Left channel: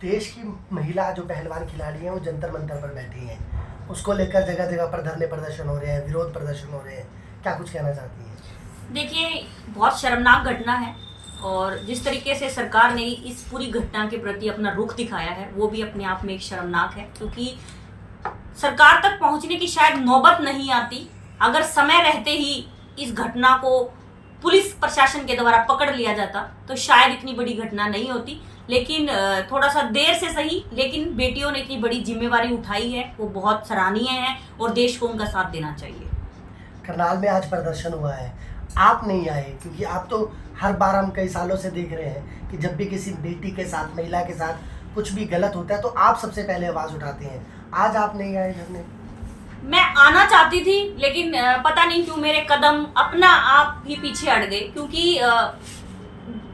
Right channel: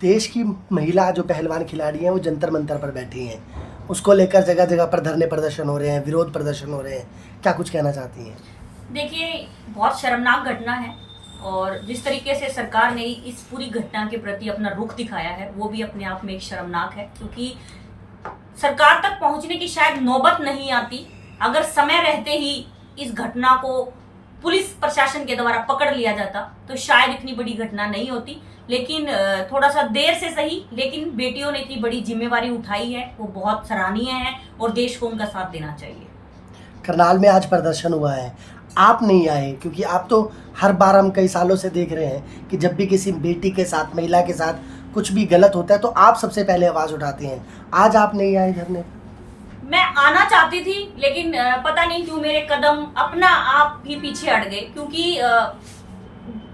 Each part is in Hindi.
देश की महिला जो पहलवान खिलाड़ी हैं वो जंतर मंतर पर बैठी हैं, उसको लेकर जगह जगह पर धरने प्रदर्शन हो रहे हैं, विरोध प्रदर्शन हो रहे हैं, क्या कुछ कहना चाहती हैं? देखिए, बहुत शर्मनाक घटना है और जिस तरीके से सरकार ने इस पूरी घटना के प्रति अपना रुख दिखाया है वो भी अपने आप में एक शर्मनाक है, क्योंकि सरकार तक पहुंचने की शायद नौबत नहीं आती। अगर समय रहते ही इस घटना को पुलिस प्रशासन के द्वारा पकड़ लिया जाता तो शायद इतनी बड़ी घटना नहीं होती, लेकिन थोड़ा सा देर से सही, लेकिन बेटियों ने इतनी बड़ी जिम्मेवारी उठाई है, वो बहुत सराहनीय है और देश को उनका साथ देना चाहिए। करनाल में आज प्रदर्शन हुआ है, आप नहीं आए क्योंकि आप तो हर बार हम कई सालों से देख रहे हैं कि जब भी किसी बेटी के साथ, महिला के साथ कुछ भी गलत होता है तो आप सबसे पहले आवाज़ उठाती हैं। आज आप नहीं आए धरने? मैं आना चाहती थी, लेकिन पता नहीं क्यों मेरे कदम अपना आप ही पीछे हट गए, क्योंकि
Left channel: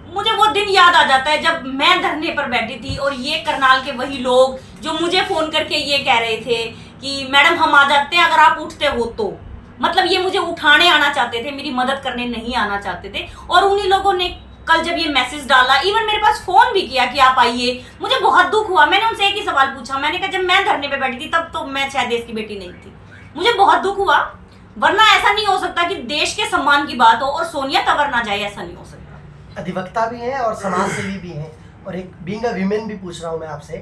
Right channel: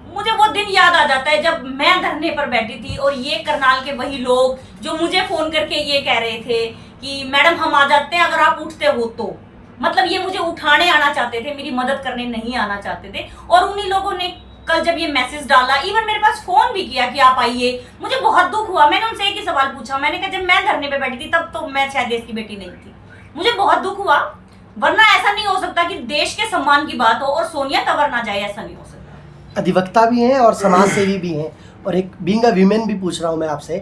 मुझे वो दिन याद आ जाता है जब मैं धरने पर बैठी थी और ये करनाल के वही लोग जो मुझे फोन करके ये कह रहे थे कि मैडम हम आ जाते हैं अगर आप उठते हो तो। मतलब ये मुझे उठाने आना चाहते थे, मेरी मदद करने नहीं आना चाहते थे। और उन्हीं लोगों ने कल जब ये मैसेज डाला, इवन मेरे पास फोन भी किया कि आप आइए, मुझे बहुत दुख हुआ। मैंने उनसे एक ही सवाल पूछा, मैंने कहा जब मैं धरने पे बैठी थी तब तो मैं शायद देश की बेटी नहीं थी। मुझे बहुत दुख हुआ, वरना ऐसा नहीं हो सकता कि देश के सम्मान की बात हो और सोनिया तंवर ना जाए, ऐसा नहीं हो सकता। अधिवक्ता भी हैं और समाज सेवी भी हैं, और एक बीइंग अ वीमेन भी पूछ रहा हूँ मैं आपसे,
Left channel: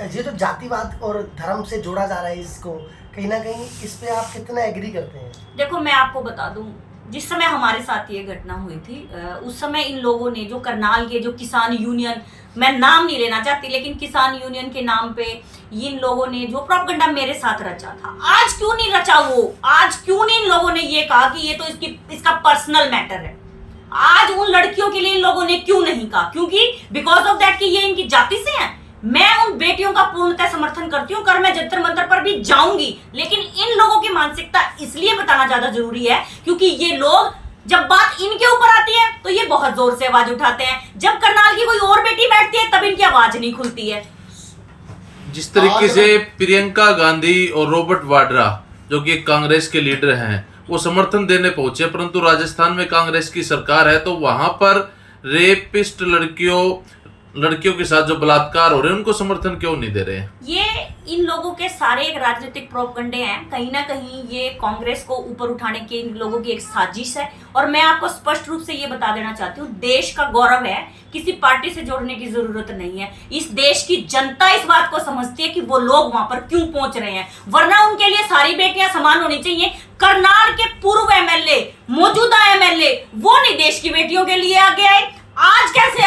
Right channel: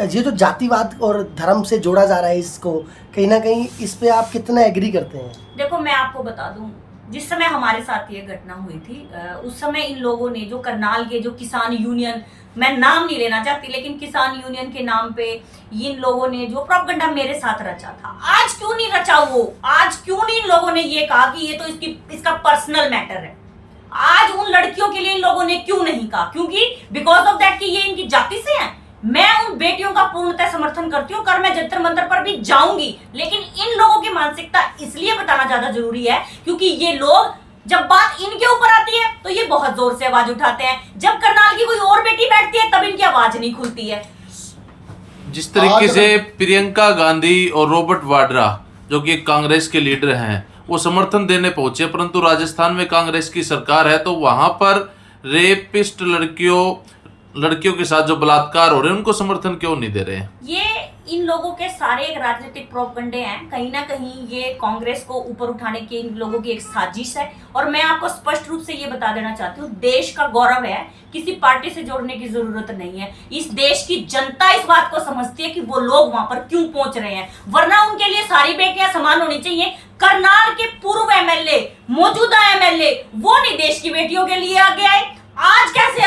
ये जो जातिवाद और धर्म से जोड़ा जा रहा है इसको, कहीं ना कहीं इस पे आप कितना एग्री करते हैं? देखो, मैं आपको बता दूं, जिस समय हमारे साथ ये घटना हुई थी उस समय इन लोगों ने, जो करनाल के जो किसान यूनियन, मैं नाम नहीं लेना चाहती, लेकिन किसान यूनियन के नाम पे इन लोगों ने जो प्रोपेगेंडा मेरे साथ रचा था, आज क्यों नहीं रचा वो? आज क्यों नहीं इन लोगों ने ये कहा कि ये तो इसका पर्सनल मैटर है? आज उन लड़कियों के लिए इन लोगों ने क्यों नहीं कहा? क्योंकि बिकॉज ऑफ दैट कि ये इनकी जाति से हैं। मैं उन बेटियों का पूर्णतः समर्थन करती हूँ, कर मैं जंतर मंतर पर भी जाऊंगी, लेकिन इन लोगों की मानसिकता इसलिए बताना ज्यादा जरूरी है क्योंकि ये लोग जब बात इनके ऊपर आती है तो ये बहुत जोर से आवाज उठाते हैं, जब करनाल की कोई और बेटी बैठती है तब इनकी आवाज नहीं खुलती है। जिस तरीके से प्रियंका गांधी और रॉबर्ट वाड्रा जो कि कांग्रेस के लीडर हैं वो समर्थन देने पहुंचे, परंतु राजस्थान में कांग्रेस की सरकार है तो वहां पर रेपिस्ट लड़कियों के साथ जो बलात्कार हो रहे हैं उनको समर्थन क्यों नहीं दे रहे हैं? ये इन लोगों के सारे एक राजनीतिक प्रोपगंडे हैं, कहीं ना कहीं ये कांग्रेस को ऊपर उठाने की इन लोगों की एक साजिश है। और मैं आपको स्पष्ट रूप से ये बता देना चाहती हूँ, देश का गौरव है, किसी पार्टी से जोड़ने की जरूरत नहीं है। इस देश की जनता इस बात को समझती है कि वो लोग वहां पर क्यों पहुंच रहे हैं, वरना उनके लिए सारी बेटियां समान होनी चाहिए। करनाल के पूर्व एमएलए, मौजूदा एमएलए, वो नहीं देश की बेटियों के लिए आगे आए। आज कैसे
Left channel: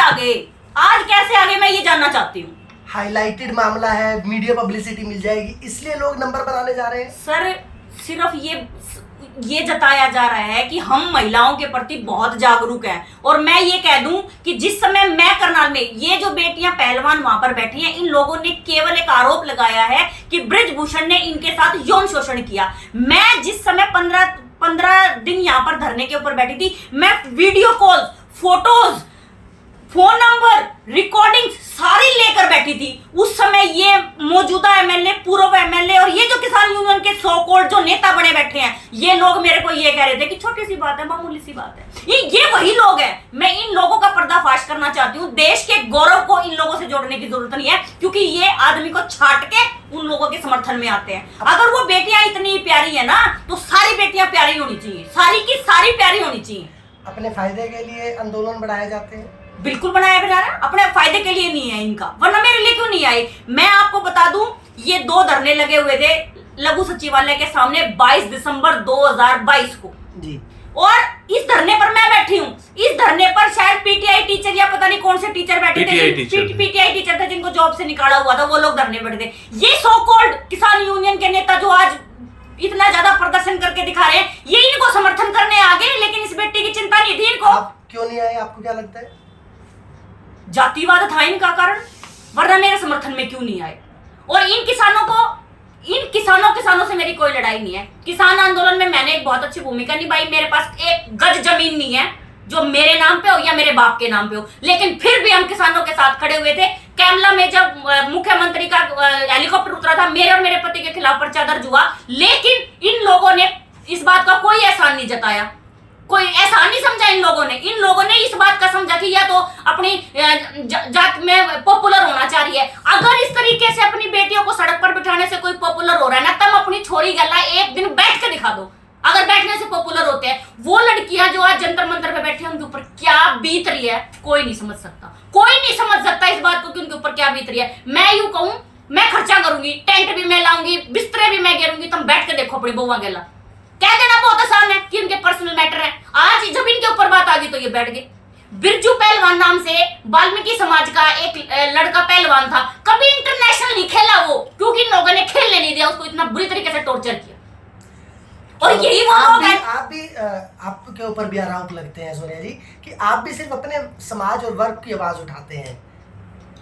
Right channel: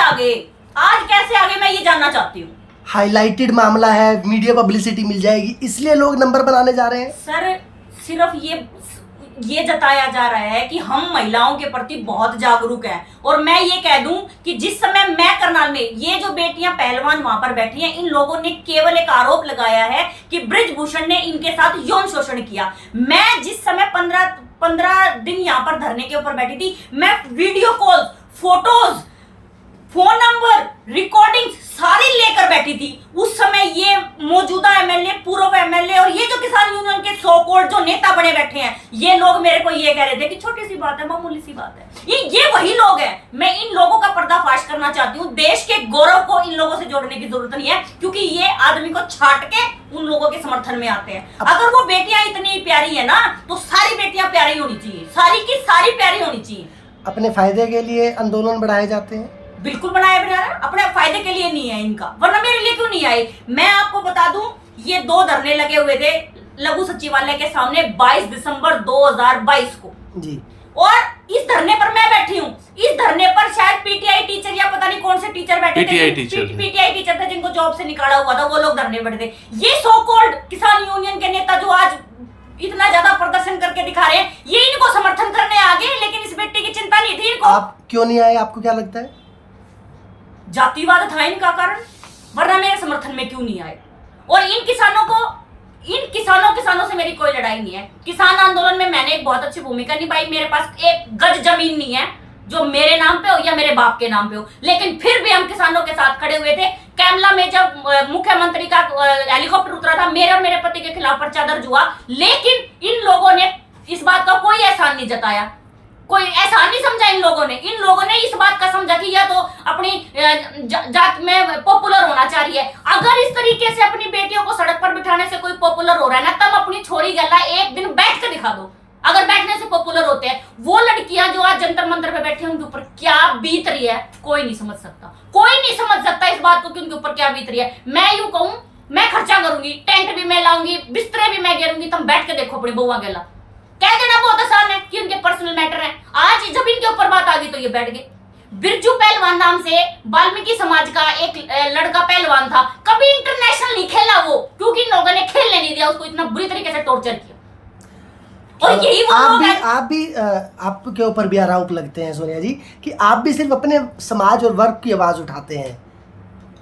आगे मैं ये जानना चाहती हूँ। हाईलाइटेड मामला है, मीडिया पब्लिसिटी मिल जाएगी, इसलिए लोग नंबर बनाने जा रहे हैं। सर, सिर्फ ये जताया जा रहा है कि हम महिलाओं के प्रति बहुत जागरूक हैं। और मैं ये कह दूं कि जिस समय मैं करनाल में, ये जो बेटियां पहलवान वहां पर बैठी हैं, इन लोगों ने केवल एक आरोप लगाया है कि बृजभूषण ने इनके साथ यौन शोषण किया। मैं जिस समय 15 दिन यहाँ पर धरने के ऊपर बैठी थी, मैं video call, photos, phone number, recording सारी लेकर बैठी थी। उस समय ये मौजूदा एमएलए, पूर्व एमएलए और ये जो किसान यूनियन के सो कॉल्ड जो नेता बने बैठे हैं, ये लोग मेरे को ये कह रहे थे कि छोटी सी बात है, मामूली सी बात है। ये वही लोग हैं। मैं इन लोगों का पर्दाफाश करना चाहती हूँ। देश के गौरव को इन लोगों से जोड़ने की जरूरत नहीं है, क्योंकि ये आदमी को छाट के उन लोगों के समर्थन में आते हैं। अगर वो बेटियां इतनी प्यारी है ना, तो सारी बेटियां प्यारी होनी चाहिए, सारी की सारी प्यारी होनी चाहिए। अपने फायदे के लिए आंदोलन बढ़ाए जाते हैं? बिल्कुल बनाया, अपने फायदे के लिए नहीं है इनका, वरना मेरे लिए क्यों नहीं आए? मैं आपको बता दूं, ये 2 धरने लगे हुए थे लघु सचिवालय के सामने 22 दिसंबर 2022 को जी। और इस धरने पर मैं बैठी हूँ। इस धरने पर शायद पीटीआई टीचर या पता नहीं कौन से टीचर बैठे थे, पीटीआई टीचर थे जिनको जॉब से निकाला हुआ था, वो लोग धरने पर बैठे थे। ये सो कॉल्ड किसान यूनियन के नेता जो आज इतना ज्यादा प्रदर्शन करके दिखा रहे हैं, ये इनको समर्थन करने आ गए, लेकिन इस बेटी की चिंता नहीं थी इनको। आप क्यों नहीं आए, आपको क्या लगता है? जातिवाद था इनका कारण, वरना मेरे समर्थन में क्यों नहीं आए? और इन किसानों से मेरी कोई लड़ाई नहीं है। किसान आंदोलन में मैंने एक बहुत अच्छी भूमिका निभाई। मेरे पास 1 गज जमीन नहीं है जो मेरे नाम पे हो या मेरे बाप के नाम पे हो, लेकिन फिर भी हम किसानों के साथ खड़े हुए थे। कैमला में जब मुख्यमंत्री का हेलीकॉप्टर उतरा था, मेरे और मेरे पति के खिलाफ पर्चा दर्ज हुआ, लेकिन इन लोगों ने इस बात का कोई एहसान नहीं जताया। कोई ऐसा नहीं समझा इन लोगों ने इस बात का समझा कि यह तो अपनी जात में पॉपुलर होना चाहिए। अगर इस तरीके से अपनी बेटियों को सड़क पर बिठाने से कोई पॉपुलर हो रहा है ना, तब अपनी छोरी गला एक दिन बैठ के दिखा दो। अगर बैठने से पॉपुलर होते हैं, वो लड़कियां जो आज जंतर मंतर पे बैठी हैं, उनके ऊपर क्या बीत रही है कोई नहीं समझ सकता। कोई नहीं समझ सकता इस बात को कि उनके ऊपर क्या बीत रही है। मैं यूं कहूं, मैं खर्चा करूंगी, टेंट भी मैं लाऊंगी, बिस्तरे भी मैं घेरूंगी, तुम बैठ के देखो अपनी बउआ गला। कह देना बहुत आसान है कि उनके पर्सनल मैटर है। आज जब इनके ऊपर बात आ गई तो ये बैठ गए। बिरजू पहलवान नाम से वाल्मीकि समाज का एक लड़का पहलवान था, कभी इंटरनेशनल नहीं खेला वो, क्योंकि इन लोगों ने खेलने नहीं दिया उसको, इतना बुरी तरीके से टॉर्चर किया। और यही वो लोग हैं। आपके ऊपर भी आरोप लगते हैं सोनिया जी कि आप भी सिर्फ अपने समाज और वर्ग की आवाज उठाते हैं।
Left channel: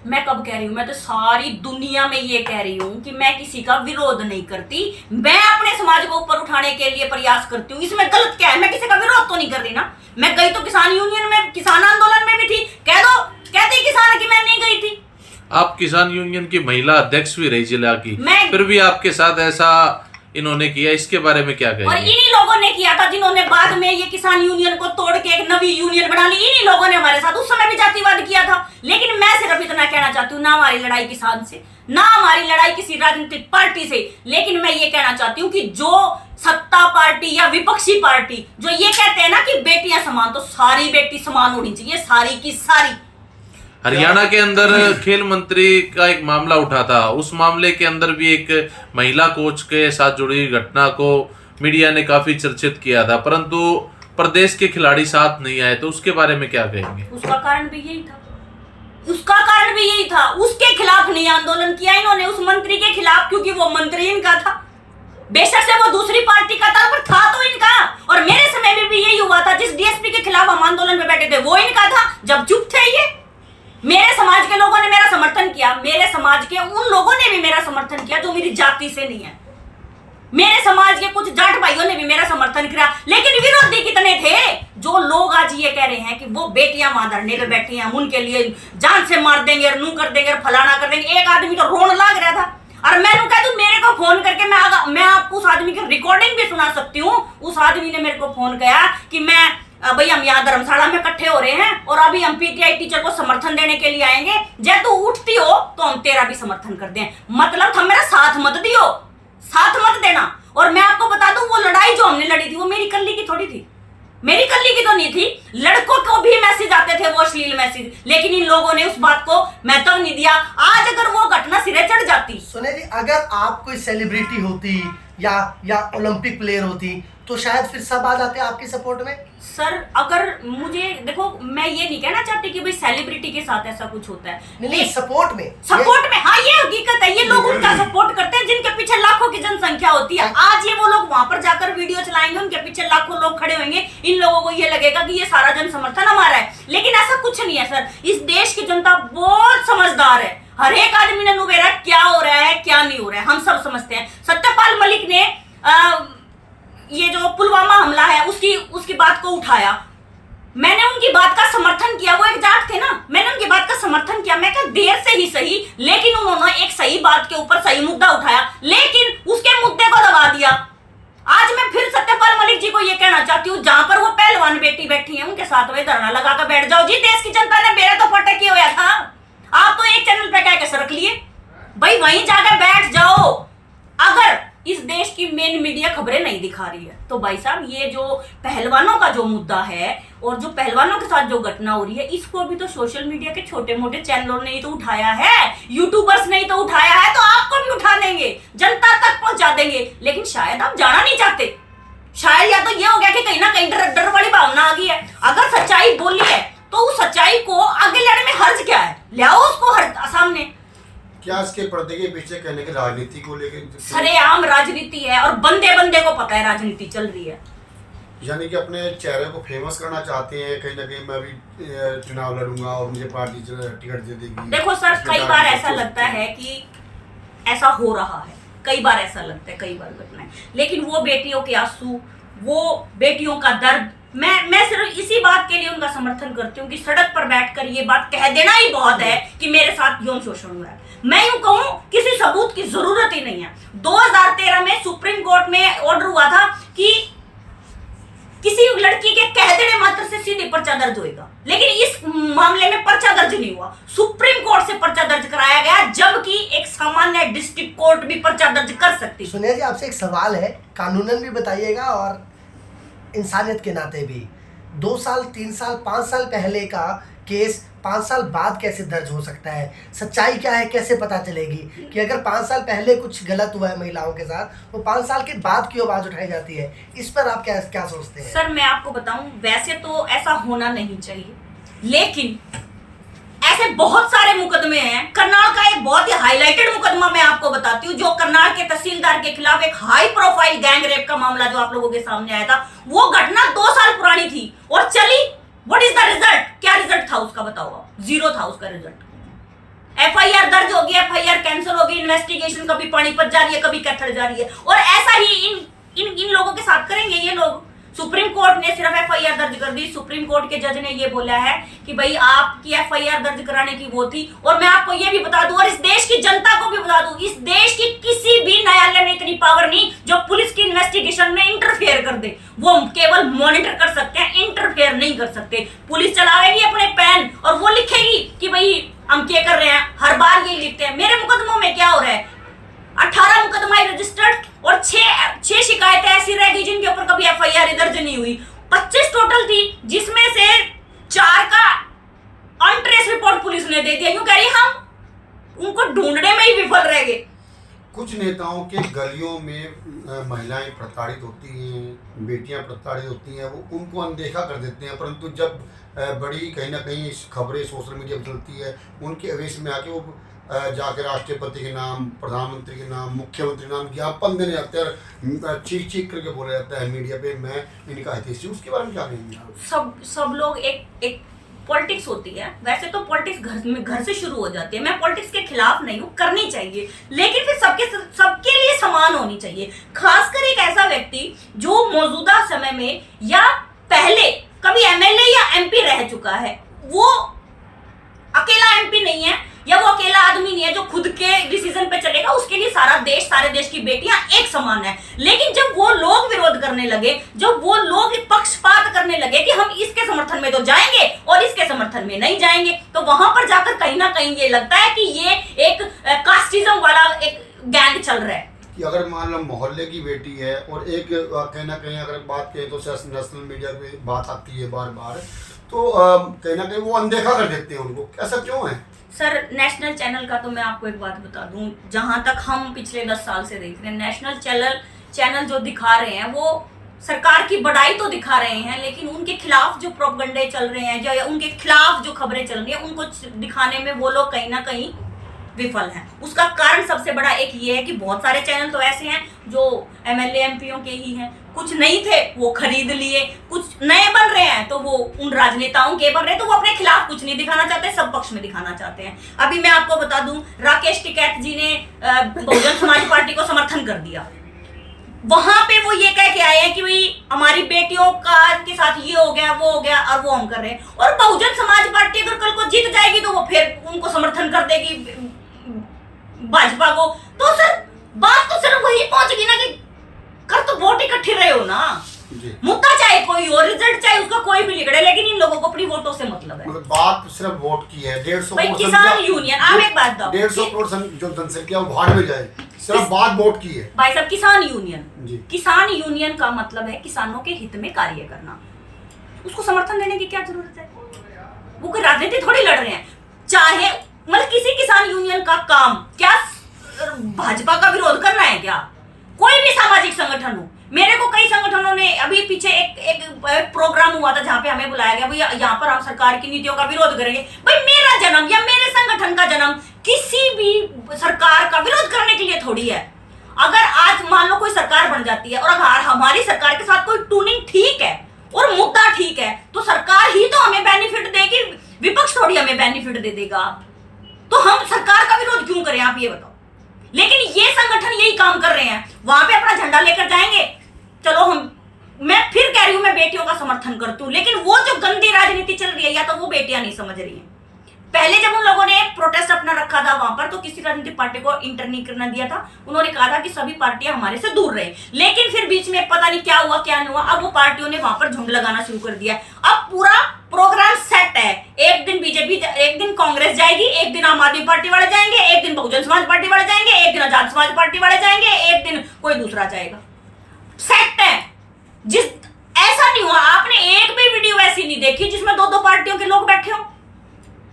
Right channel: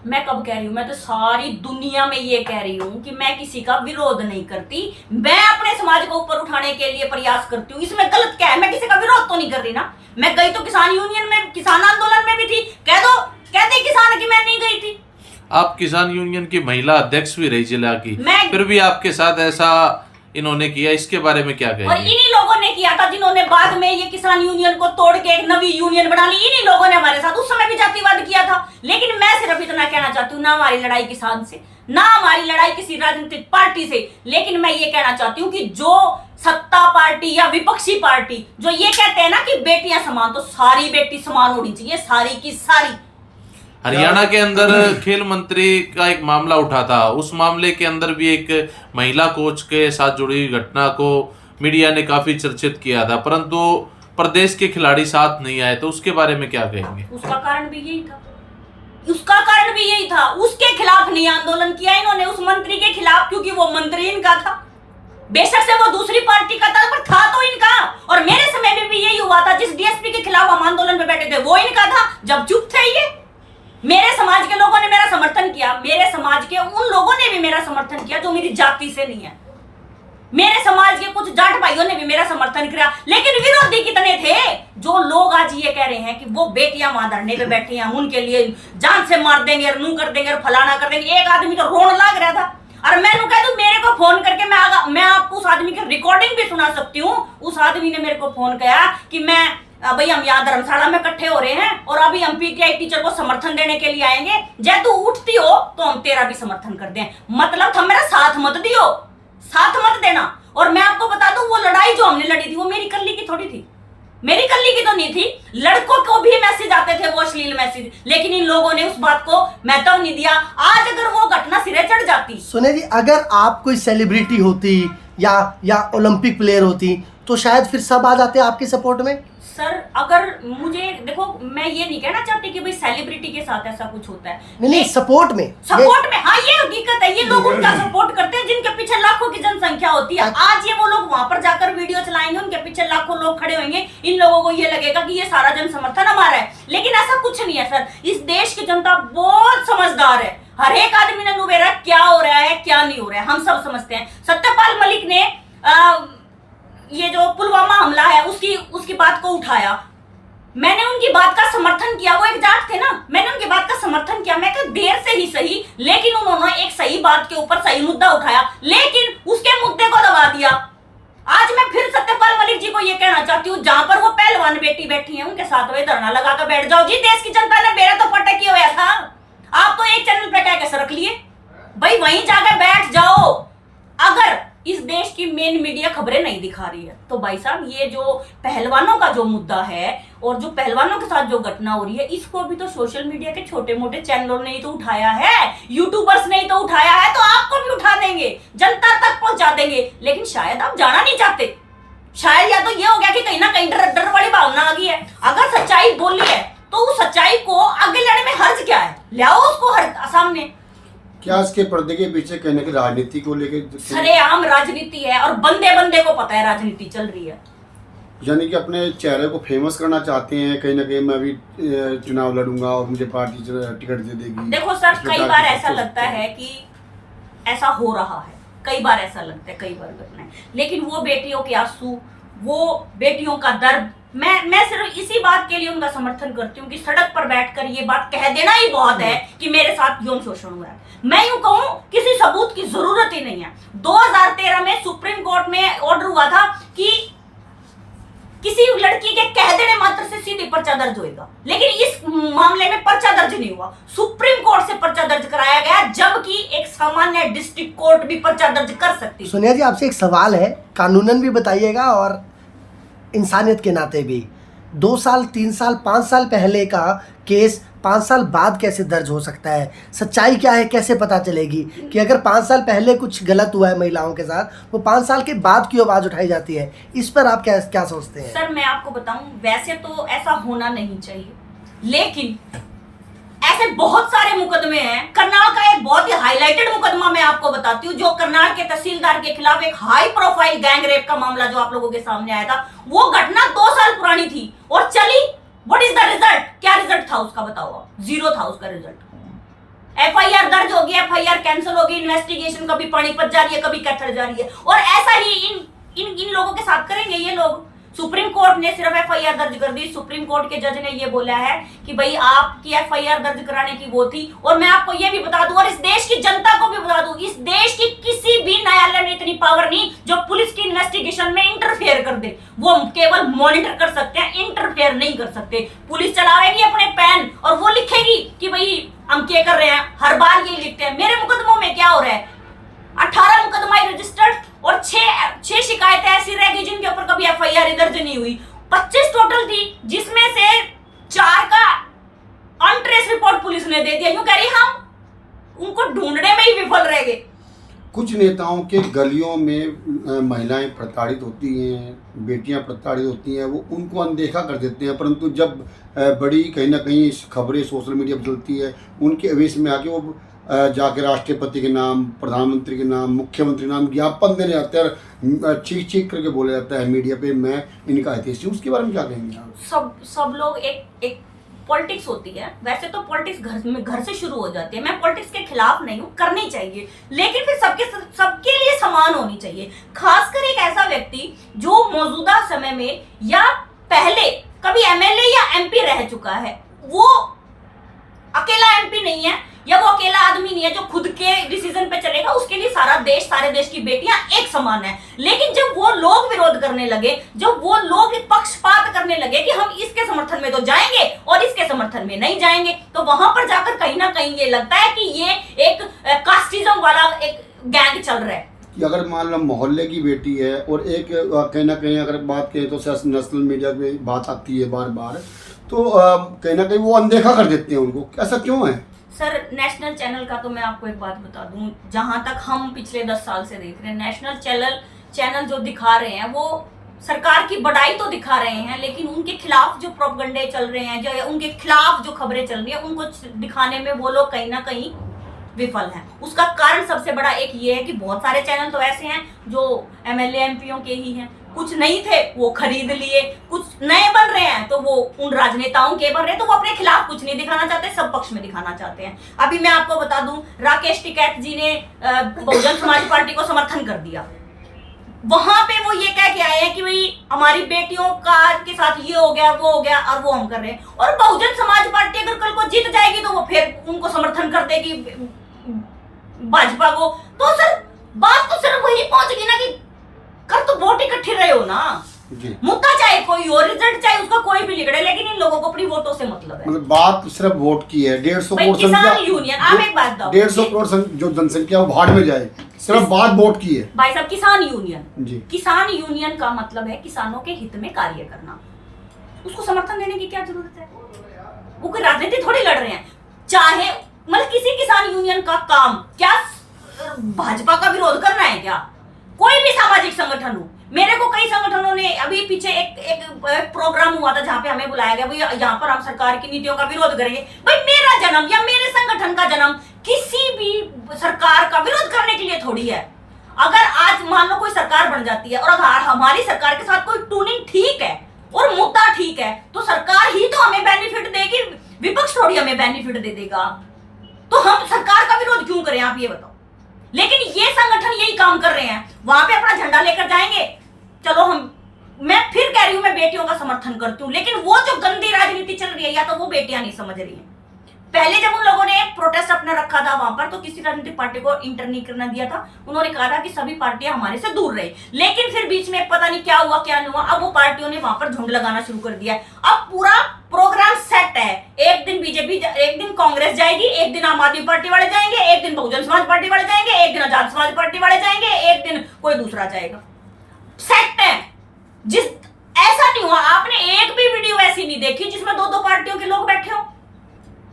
मैं कब कह रही हूँ? मैं तो सारी दुनिया में ये कह रही हूँ कि मैं किसी का विरोध नहीं करती, मैं अपने समाज को ऊपर उठाने के लिए प्रयास करती हूँ। इसमें गलत क्या है? मैं किसी का विरोध तो नहीं कर रही ना। मैं गई तो किसान यूनियन में, किसान आंदोलन में भी थी। कह दो, कहते किसान कि मैं नहीं गई थी। आप किसान यूनियन की महिला अध्यक्ष भी रही जिला की, फिर भी आपके साथ ऐसा इन्होंने किया, इसके बारे में क्या कहेंगे? और इन्हीं लोगों ने किया था जिन्होंने बाद में ये किसान यूनियन को तोड़ के एक नवी यूनियन बना ली। इन्हीं लोगों ने हमारे साथ उस समय भी जातिवाद किया था। लेकिन मैं सिर्फ इतना कहना चाहती हूँ, ना हमारी लड़ाई किसान से, ना हमारी लड़ाई किसी राजनीतिक पार्टी से, लेकिन मैं ये कहना चाहती हूँ कि जो सत्ता पार्टी या विपक्षी पार्टी जो ये कहते हैं ना कि बेटियां समान, तो सारी बेटी समान होनी चाहिए, सारी की सारी। हरियाणा के अंदर खेल मंत्री का एक मामला उठा था, उस मामले के अंदर भी एक महिला कोच के साथ जुड़ी घटना को मीडिया ने काफी चर्चित किया था, परंतु प्रदेश के खिलाड़ी साथ नहीं आए, तो उसके बारे में क्या कहेंगे? उसका कारण भी यही था, उसका कारण भी यही था। उसके खिलाफ नहीं आंदोलन किया इन्होंने, उस मंत्री के खिलाफ, क्योंकि वो मंत्री इनका था। बेशक से वो दूसरी पार्टी का था, पर था तो इनका। और मेरे समय में भी यही हुआ था, जिस डीएसपी के खिलाफ हम आंदोलन में बैठे थे वो इनका था, जब चुप थे ये। मेरे समाज के लोगों ने मेरा समर्थन किया, मेरे समाज के उन लोगों ने भी मेरा समर्थन किया जो मेरी जाति से नहीं है। मेरे समाज के कुछ जाट भाइयों ने भी मेरा समर्थन किया, लेकिन विरोधी कितने थे? जो लोग आज ये कह रहे हैं कि वो बेटियां मां धरने पे बैठी हैं, हम उनके लिए जान से मार देंगे और नू कर देंगे और फलाना कर देंगे। एक आदमी तो रोने लग रहा था, और मैं कह दूं मेरे को फोन करके मैं आपको उस आदमी की रिकॉर्डिंग भी सुना सकती हूँ। उस आदमी ने मेरे को फोन किया कि भाई हम यहाँ धर्मशाला में इकट्ठे हो रहे हैं और अभी हम पीटीआई टीचर को समर्थन देने के लिए आएंगे, जब तू उठती हो तो हम तेरा भी समर्थन कर दें। मतलब तुम मेरा साथ मत दियो, साथ मत देना। और मैं आपको बता दूं, वो लड़ाई जो हमने लड़ी थी वो मेरी कल्ली की थोड़ी थी, मेरी कल्ली की तो नहीं थी। लड़कों को भी मैसेज आते थे, वो अश्लील मैसेज, लेकिन इन लोगों ने उस बात को महत्व नहीं दिया। आज अगर वो घटना सिरे चढ़ जाती, सुने जी, अगर आप कोई सेलिब्रिटी होती या ओलंपिक प्लेयर होती तो शायद फिर सब आ जाते आपके सपोर्ट में। सर अगर मुझे देखो, मैं ये नहीं कहना चाहती कि भाई सेलिब्रिटी के साथ ऐसा कुछ होता है, नहीं सपोर्ट में हाँ ये हकीकत है। ये लोग उनका सपोर्ट करते हैं जिनके पीछे लाखों की जनसंख्या होती है। आज ये वो लोग वहां पर जाकर वीडियो चलाएंगे, उनके पीछे लाखों लोग खड़े होंगे, इन लोगों को ये लगेगा कि ये सारा जन समर्थन हमारा है, लेकिन ऐसा कुछ नहीं है सर। इस देश की जनता बहुत समझदार है, हर एक आदमी ने नुबेरा क्या हो रहा है क्या नहीं हो रहा है हम सब समझते हैं। सत्यपाल मलिक ने ये जो पुलवामा हमला है उसकी बात को उठाया, मैंने उनकी बात का समर्थन किया। वो एक जाट थे ना, मैंने उनकी बात का समर्थन किया। मैं क्या देर से ही सही, लेकिन उन्होंने एक सही बात के ऊपर सही मुद्दा उठाया, लेकिन उसके मुद्दे को दबा दिया। आज मैं फिर सत्यपाल मलिक जी को ये कहना चाहती हूँ, जहां पर वो पहलवान बेटी बैठी है उनके साथ में धरना लगा कर बैठ जाओ जी। देश की जनता ने मेरा तो फटक किया हुआ था, आप तो एक चैनल पे कह के रख लिए भाई, वहीं जाकर बैठ जाओ। अगर इस देश की मेन मीडिया खबरें नहीं दिखा रही है तो भाई साहब, ये जो पहलवानों का जो मुद्दा है और जो पहलवानों के साथ जो घटना हो रही है, इसको भी तो सोशल मीडिया के छोटे मोटे चैनलों ने ही तो उठाया है, यूट्यूबर्स ने ही तो उठाया है, तो आपको भी उठा देंगे, जनता तक पहुंचा देंगे। लेकिन शायद आप जाना नहीं चाहते, शायद या तो ये हो गया कि कहीं ना कहीं डर वाली भावना आ गई है। अगर सच्चाई बोली है तो उस सच्चाई को आगे लाने में हर्ज क्या है, लाओ उसको सामने। क्या इसके पर्दे के पीछे कहने की राजनीति को लेकर सरेआम राजनीति है और बंदे को पता है राजनीति चल रही है। यानी कि अपने चेहरे को फेमस करना चाहते हैं, कहीं ना कहीं मैं भी चुनाव लड़ूंगा और मुझे पार्टी टिकट दे देगी। देखो सर, कई बार ऐसा लगता है कि ऐसा हो रहा है, कई बार ऐसा लगता है, कई बार घटनाएं, लेकिन वो बेटियों के आंसू, वो बेटियों का दर्द, मैं सिर्फ इसी बात के लिए उनका समर्थन करती हूँ कि सड़क पर बैठकर ये बात कह देना ही बहुत है कि मेरे साथ यौन शोषण हुआ है। मैं यूं कहूं, किसी सबूत की जरूरत ही नहीं है। 2013 में सुप्रीम कोर्ट में ऑर्डर हुआ था कि किसी लड़की के कह देने मात्र से सीधे पर्चा दर्ज होएगा, लेकिन इस मामले में पर्चा दर्ज नहीं हुआ। सुप्रीम कोर्ट से पर्चा दर्ज कराया गया, जबकि एक सामान्य डिस्ट्रिक्ट कोर्ट भी पर्चा दर्ज कर सकती है। सोनिया जी, आपसे एक सवाल है, कानूनन भी बताइएगा और इंसानियत के नाते भी। 2 साल, 3 साल, 5 साल पहले का केस 5 साल बाद कैसे दर्ज हो सकता है? सच्चाई क्या है, कैसे पता चलेगी कि अगर 5 साल पहले कुछ गलत हुआ है महिलाओं के साथ, तो 5 साल के बाद क्यों आवाज उठाई जाती है? इस पर आप क्या सोचते हैं? सर, मैं आपको बताऊं, वैसे तो ऐसा होना नहीं चाहिए, लेकिन ऐसे बहुत सारे मुकदमे हैं। करनाल का एक बहुत ही हाईलाइटेड मुकदमा मैं आपको बताती हूँ, जो करनाल के तहसीलदार के खिलाफ एक हाई प्रोफाइल गैंग रेप का मामला जो आप लोगों के सामने आया था, वो घटना 2 साल पुरानी थी और चली। What is the result? क्या रिजल्ट था उसका, बताओ आप? 0 था उसका रिजल्ट। एफआईआर दर्ज होगी, एफआईआर कैंसिल होगी, इन्वेस्टिगेशन कभी पानीपत जा रही है, कभी कैथल जा रही है, और ऐसा ही इन लोगों के साथ करेंगे ये लोग। सुप्रीम कोर्ट ने सिर्फ एफआईआर दर्ज कर दी। सुप्रीम कोर्ट के जज ने ये बोला है कि भाई आपकी एफआईआर दर्ज कराने की वो थी। और मैं आपको ये भी बता दूं और इस देश की जनता को भी बता दूं, इस देश की किसी भी न्यायालय में इतनी पावर नहीं जो पुलिस की इन्वेस्टिगेशन में इंटरफेयर कर दे। वो केवल मॉनिटर कर सकते हैं, इंटरफेयर नहीं कर सकते। पुलिस चलावेगी अपने पेन और वो लिखेगी कि भाई हम क्या कर रहे हैं, हर बार यही लिखते हैं। मेरे मुकदमों में क्या हो रहा है, 18 मुकदमा रजिस्टर्ड और 6 शिकायतें ऐसी रह गई जिनके ऊपर कभी एफआईआर दर्ज नहीं हुई। 25 टोटल थी, जिसमें से 4 का अनट्रेस रिपोर्ट पुलिस ने दे दिया। यूं कह रही हम उनको ढूंढने में ही विफल रह गए। कुछ नेताओं के गलियों में महिलाएं प्रताड़ित होती हैं, बेटियां प्रताड़ित होती हैं, वो उनको अनदेखा कर देते हैं, परंतु जब बड़ी कहीं ना कहीं खबरें सोशल मीडिया पर चलती है, उनके अवेश में आके वो जाके राष्ट्रपति के नाम, प्रधानमंत्री के नाम, मुख्यमंत्री के नाम ज्ञापन देने आते हैं और चीख करके बोला जाता है मीडिया पे, मैं इनका हितैषी हूं। उसके बारे में क्या कहेंगे आप? सब लोग एक पॉलिटिक्स होती है। वैसे तो पॉलिटिक्स घर से शुरू हो जाती है। मैं पॉलिटिक्स के खिलाफ नहीं हूँ, करनी चाहिए, लेकिन फिर सबके लिए समान होनी चाहिए। खासकर एक ऐसा व्यक्ति जो मौजूदा समय में या पहले कभी एमएलए या एमपी रह चुका है, वो अकेला एमपी नहीं है या वो अकेला आदमी नहीं है जो खुद के डिसीजन पे चलेगा। उसके लिए सारे देश की बेटियां एक समान है। लेकिन जब वो लोग विरोध करने लगे, जब वो लोग पक्षपात करने लगे कि हम इसके समर्थन में तो जाएंगे और इसके समर्थन में नहीं जाएंगे, तो वहां पर जाकर कहीं ना कहीं ये लगता है कि ये एक कास्टिज्म वाला एक गैंग चल रहा है। कि अगर मान लो मोहल्ले की बेटी है और एक कहीं ना कहीं अगर बात करें तो नेशनल मीडिया में बात आती है बार बार, तो कहीं ना कहीं वो अनदेखा कर देते हैं उनको। ऐसा क्यों है? सर, नेशनल चैनल का तो मैं आपको एक बात बता दूं, जहां तक हम पिछले 10 साल से देख रहे हैं, नेशनल चैनल जो दिखा रहे हैं वो सरकार की बड़ाई तो दिखा रहे हैं, लेकिन उनके खिलाफ जो प्रोपगंडे चल रहे हैं, जो उनके खिलाफ जो खबरें चल रही हैं, उनको दिखाने में वो लोग कहीं ना कहीं विफल हैं। उसका कारण सबसे बड़ा एक ये है कि बहुत सारे चैनल तो ऐसे हैं जो एमएलए एमपीओ के ही हैं, कुछ नहीं थे वो खरीद लिए, कुछ नए बन रहे हैं तो वो उन राजनेताओं के बन रहे हैं, तो वो अपने खिलाफ कुछ नहीं दिखाना चाहते, सब पक्ष में दिखाना चाहते हैं। अभी मैं आपको बता दूं, राकेश टिकैत जी ने बहुजन समाज पार्टी को समर्थन कर दिया। वहां पे वो ये कह के आए हैं कि भाई हमारी बेटियों के साथ ये हो गया, वो हो गया, और वो हम कर रहे हैं। और बहुजन समाज पार्टी अगर कल को जीत जाएगी तो वो फिर उनको समर्थन कर देगी भाजपा को। तो सर बात तो सिर्फ वही पहुंचेगी ना कि कर तो वोट इकट्ठे रहे हो ना, मुद्दा चाहे कोई हो, रिजल्ट चाहे उसका कोई भी लिखड़े, लेकिन इन लोगों को अपनी वोटों से मतलब है। बात सिर्फ वोट की है। 150 करोड़ किसान यूनियन, आप एक बात दो, 150 करोड़ जो जनसंख्या वो भाड़ में जाए, सिर्फ बात वोट की है। भाई साहब, किसान यूनियन का मतलब है किसानों के हित में कार्य करना। उसको समर्थन देने की क्या जरूरत है? वो कोई राजनीति थोड़ी लड़ रहे हैं। चाहे मतलब किसी किसान यूनियन का काम क्या भाजपा का विरोध करना है क्या? कोई भी सामाजिक संगठन हो, मेरे को कई संगठनों ने, अभी पीछे एक प्रोग्राम हुआ था जहां पे हमें बुलाया गया, भैया यहाँ पर हम सरकार की नीतियों का विरोध करेंगे। भाई मेरा जन्म या मेरे संगठन का जन्म किसी भी सरकार का विरोध करने के लिए थोड़ी है। अगर आज मान लो कोई सरकार बन जाती है और अगर हमारी सरकार के साथ कोई टूनिंग ठीक है और मुद्दा ठीक है, तो सरकार ही तो हमें बेनिफिट देगी, विपक्ष थोड़ी हमें बेनिफिट दे देगा। तो हम सरकार का विरोध क्यों करें, आप ये बताओ। लेकिन ये संगठन यही काम कर रहे हैं, वहां पे अपना झंडा लेकर जाएंगे। चलो मैं फिर कह रही हूं, मैं बेटियों का समर्थन करती हूँ, लेकिन वो जो गंदी राजनीति चल रही है, या तो वो बेटियां नहीं समझ रही हैं, पहले जब उन लोगों ने एक प्रोटेस्ट अपना रखा था वहां पर, तो किसी राजनीतिक पार्टी को इंटर नहीं करना दिया था। उन्होंने कहा था कि सभी पार्टियां हमारे से दूर रहे, लेकिन फिर बीच में पता नहीं क्या हुआ क्या नहीं हुआ, अब वो पार्टियों ने वहां पर झुंड लगाना शुरू कर दिया है। अब पूरा प्रोग्राम सेट है, एक दिन बीजेपी, एक दिन कांग्रेस जाएगी, एक दिन आम आदमी पार्टी वाले जाएंगे, एक दिन बहुजन समाज पार्टी वाले जाएंगे, एक दिन आजाद समाज पार्टी वाले जाएंगे, एक दिन कोई दूसरा जाएगा। सेट है। जिस ऐसा नहीं हुआ, आपने एक भी वीडियो ऐसी नहीं देखी जिसमें दो दो पार्टियों के लोग बैठे हो।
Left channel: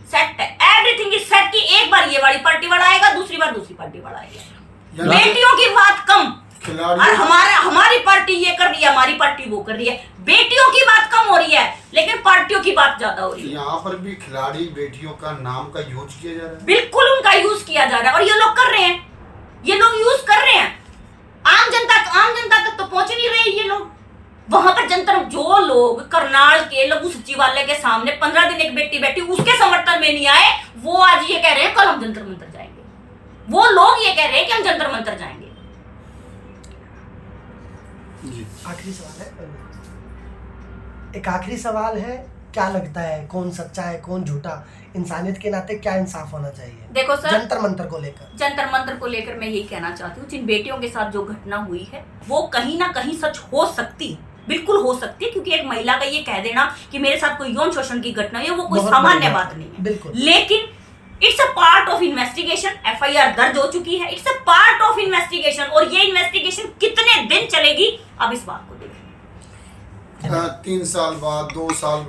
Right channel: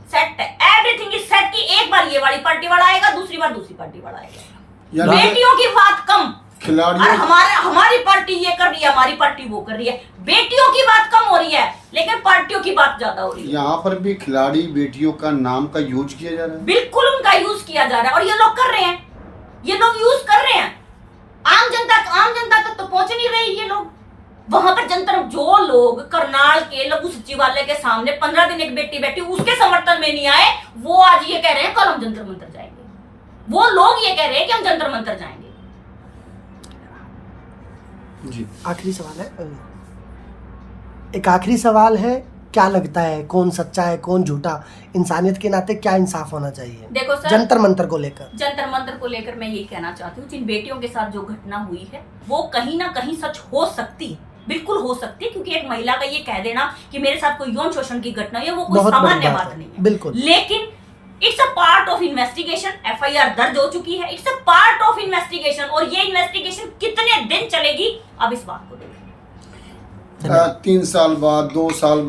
सेट है, एवरीथिंग इज सेट कि एक बार ये वाली पार्टी वाला आएगा, दूसरी बार दूसरी पार्टी वाला आएगा। यानी बेटियों की बात कम, खिलाड़ी और हमारी पार्टी ये कर रही है, हमारी पार्टी वो कर रही है। बेटियों की बात कम हो रही है, लेकिन पार्टियों की बात ज्यादा हो रही है। यहाँ पर भी खिलाड़ी बेटियों का नाम का यूज किया जा रहा है। बिल्कुल उनका यूज किया जा रहा है, और ये लोग कर रहे हैं, ये लोग यूज कर रहे हैं। आम जनता तक तो पहुंच नहीं रहे ये लोग। वहां पर जनता, जो लोग करनाल के लघु सचिवालय के सामने 15 दिन एक बेटी बैठी उसके समर्थन में नहीं आए, वो आज ये कह रहे हैं कल हम जंतर मंतर जाएंगे। वो लोग ये कह रहे हैं कि हम जंतर मंतर जाएंगे। जी आखिरी सवाल है, एक आखिरी सवाल है, क्या लगता है कौन सच्चा है कौन झूठा? इंसानियत के नाते क्या इंसाफ होना चाहिए देखो सर, जंतर मंतर को लेकर? जंतर मंतर को लेकर मैं यही कहना चाहती हूँ, जिन बेटियों के साथ जो घटना हुई है वो कहीं ना कहीं सच हो सकती, बिल्कुल हो सकती है, क्योंकि एक महिला का ये कह देना कि मेरे साथ कोई यौन शोषण की घटना हुई है, वो कोई बहुत बड़ी सामान्य बात बात है, नहीं है। बिल्कुल। लेकिन it's a part of investigation, FIR दर्ज हो चुकी है, it's a part of investigation, और ये इन्वेस्टिगेशन कितने दिन चलेगी अब इस बात को देखें। 3 साल बाद, 2 साल